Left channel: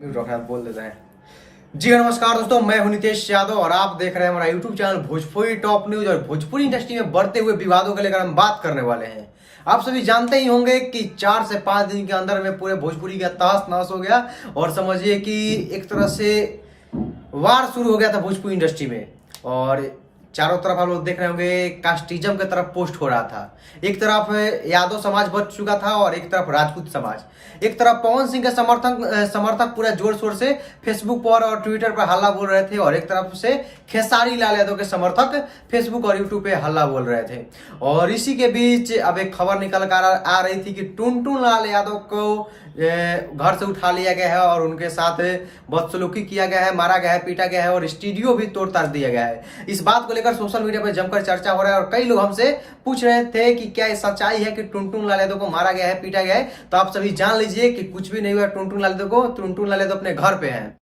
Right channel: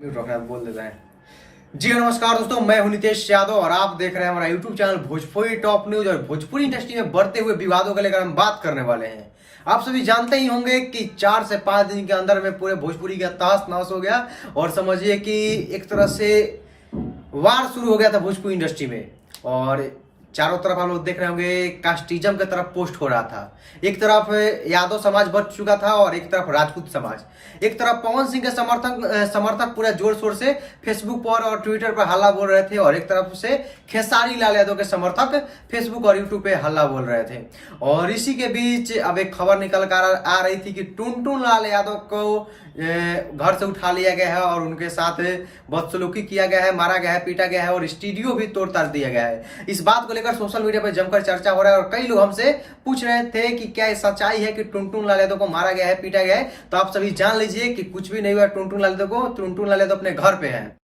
Mute रखा है, बोल देता है। जी हाँ, नमस्कार दोस्तों, मैं हूं नितेश यादव और आप देख रहे हैं हमारा YouTube channel Bhojpuri top news. और भोजपुरी इंडस्ट्री में बढ़ते हुए विवादों को लेकर हम बात करने वाले हैं। आप सभी जानते ही होंगे कि 4 से 5 दिन के अंदर में पूरे भोजपुरी का तहस नहस हो गया और समझिए कि एक तरह से वार शुरू हो गया था भोजपुरी इंडस्ट्री में। और चारों तरफ आप लोग देख रहे होंगे कास्टिज्म की तरफ पोस्ट हो रहा था। एक तरफ यादव समाज बच चुका था और एक तरफ राजपूत समाज। एक तरफ पवन सिंह के समर्थक पूरे जोर शोर से फेसबुक पर और ट्विटर पर हल्ला बोल रहे थे और एक तरफ से खेसारी लाल यादव के समर्थक फेसबुक और यूट्यूब पे हल्ला बोल रहे थे। और इसी के बीच अब एक खबर निकल कर आ रही थी कि टुनटुन लाल यादव को घर से उठा लिया गया है और उनके साथ बदसलूकी किया गया है, मारा गया है, पीटा गया है और स्टूडियो भी तोड़ ताड़ दिया गया है। इस बात को लेकर सोशल मीडिया पर जमकर चर्चा हो रहा है और कई लोग हमसे पूछ रहे थे कि क्या ये सच्चाई है कि टुनटुन लाल यादव को मारा गया है, पीटा गया है। तो आप सभी जान लीजिए कि कुछ भी नहीं हुआ टुनटुन लाल यादव को। टुनटुन लाल यादव अपने घर पे हैं।